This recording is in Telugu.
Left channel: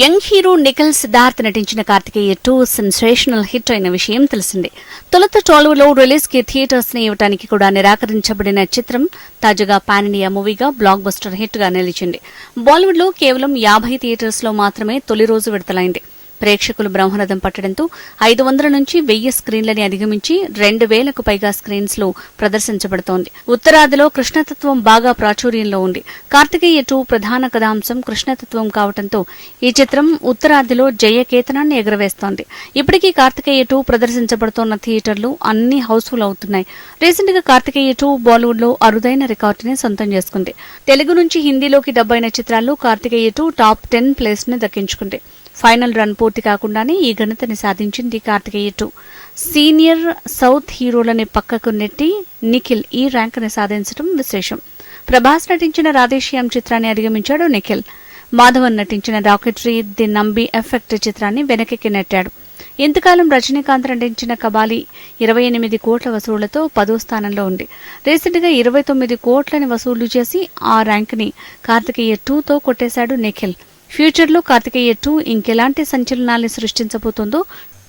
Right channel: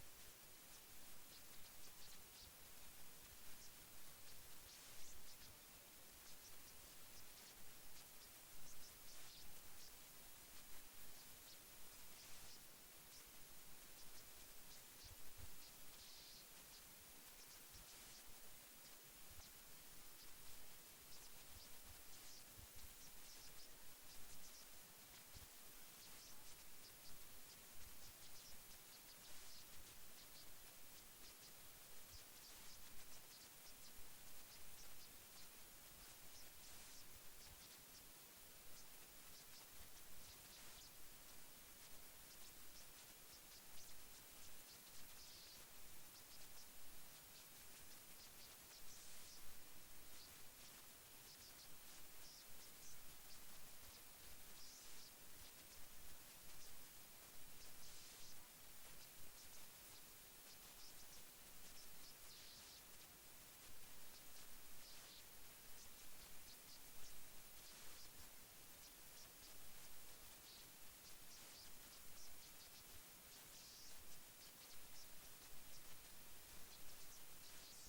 యంగ్ హీరో నిఖిల్ సిద్ధార్థ్ నటించిన కార్తికేయ టూ సెన్సేషనల్ హిట్ అయిన విషయం తెలిసిందే. తొలుత టాలీవుడ్లో రిలీజ్కి థియేటర్స్ని ఇవ్వడానికి కూడా నిరాకరించబడిన చిత్రం తాజాగా పాన్ ఇండియా మూవీగా బ్లాక్ బస్టర్ హిట్గా నిలిచింది. బాలీవుడ్లో కేవలం యాభై థియేటర్స్లో మాత్రమే తొలి రోజు విడుదలైంది. ప్రేక్షకులు బ్రహ్మరథం పట్టడంతో ఐదు వందల నుంచి వెయ్యి స్క్రీన్లని అధిగమించి రెండు వేలకు పైగా స్క్రీన్స్లో ప్రదర్శించబడుతోంది. ఉత్తరాదిలో కృష్ణతత్వం బాగా ప్రాచుర్యంలో ఉంది. కార్తికేయ టూ ప్రధాన కథాంశం కృష్ణతత్వం కావడంతో ఈ చిత్రం ఉత్తరాదిలో జయకేతనాన్ని ఎగరవేస్తోంది. ఇప్పటికీ కార్తికేయ టూ ప్రదర్శించబడుతోన్న థియేటర్లు అన్ని హౌస్ఫుల్ అవుతున్నాయి. రీసెంట్గా కార్తికేయ టూ బాలీవుడ్లో అరుదైన రికార్డుని సొంతం చేసుకుంది. తెలుగు నుంచి హిందీలోకి డబ్బైన చిత్రాల్లో కార్తికేయ టూ టాప్ టెన్ ప్లేస్ని దక్కించుకుంది. ఫైనల్ రన్ పూర్తి కాకుండానే ఈ ఘనతని సాధించింది కార్తికేయ టూ సీనియర్ సౌత్ హీరోలని పక్కకు నెట్టి నిఖిల్ ఈ ర్యాంకుని సాధించడం విశేషం. ప్రభాస్ నటించిన రాధేశ్యామ్ చిత్రాన్ని అధిగమించాడు నిఖిల్. మాధవన్ నటించిన రాకెటరీ ది నంబి ఎఫెక్ట్ చిత్రాన్ని వెనక్కి నెట్టాడు. ఇంతకాలం రజనీకాంత్ నటించిన కబాలి ఇరవై ఎనిమిది కోట్ల వసూళ్ళతో పదో స్థానంలో ఉంది. రీసెంట్గా ఇరవై తొమ్మిది కోట్లని వసూళ్ళు చేసి ఆ ర్యాంక్ని కార్తికేయ టూతో కొట్టేశాడు నిఖిల్. ఫ్యూచర్లో కార్తికేయ టూ ఇంకెలాంటి సంచలనాల్ని సృష్టించబోతోందో